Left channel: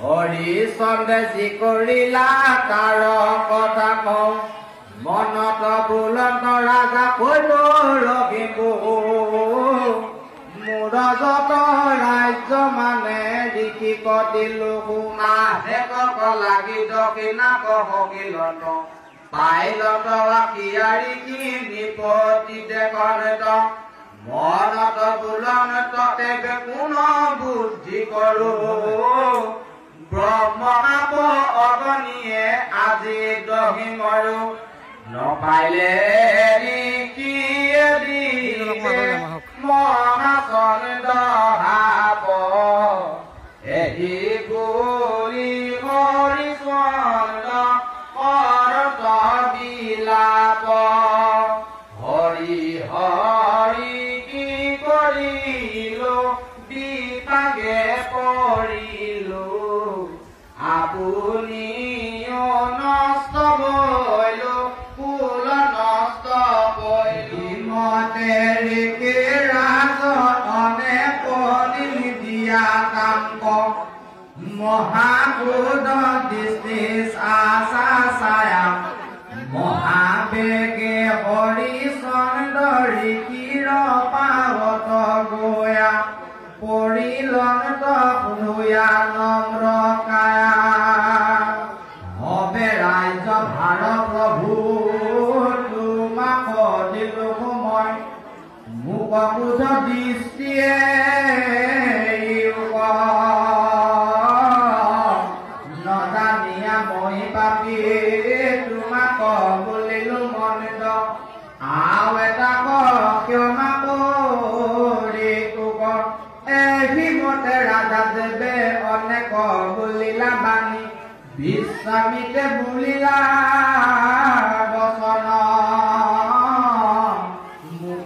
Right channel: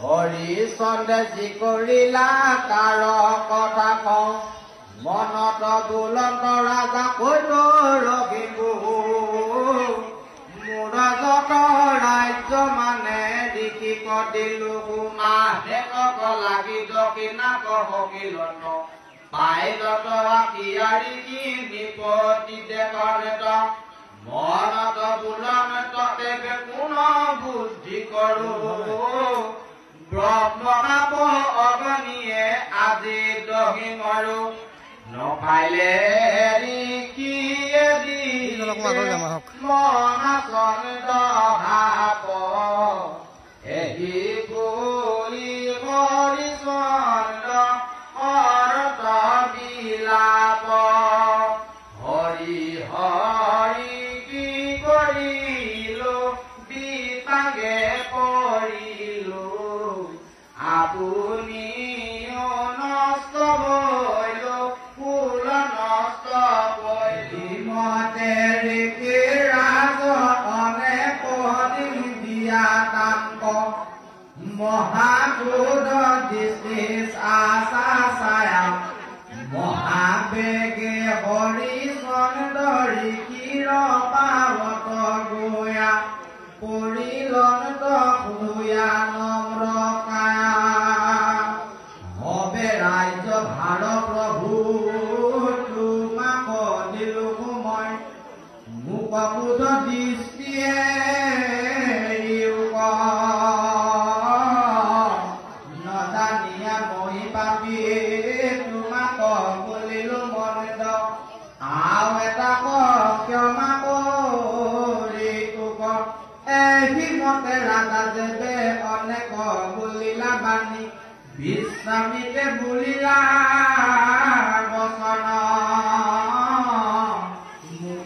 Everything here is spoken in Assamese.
হৰিচন্দে যি কৰিলা তাৰ কথা কওঁ মনত বুলন্দ ৰাজা কৈল ৰখিবো মোৰ যত ৰাজ্য মানে ঋষি কদিলো সোমা হেকক লাগি দক্ষিণা কহিলত পাইলত আকিয়াৰি কি নিপতি দেখত মনত বুলন্দ তেবে কোন বুদ্ধি কৰো ব্ৰহ্মকাপ অগ্নিয়ে আজি দহি মৰো নপাইলে মহাচন দহাপ এহি বুলি হৰিচন্দ অৰত বিলাপ হৰি হৰি কি কৰিলো বিপাগে পৰিলো আপুনি নষ্ট বৈল ফুল নষ্ট বৈমতে ৰাজনে পনি দিয়া কাম মহাক্ৰোধ দৃষ্টি আশা ছায়া মহাবেগে হৰিচন্দ্ৰ ঋষিৰ পাৱত গয়া পৰিলন্ত সুধুয়া নম্ৰ কায়া হবে ৰাজ্য ভাৰ প্ৰভু তোমাক দিলো মই মোক ক্ৰোধ দৃষ্টিয়ে নজানিয়া মই পাপি তোমাক বুলিলো মনিত আৰু এটা ক্ষমা কৰি এহিমতে ৰাজা দেৱে অনেক বুলিলা বাণী বিশ্বামিতে বুলিলা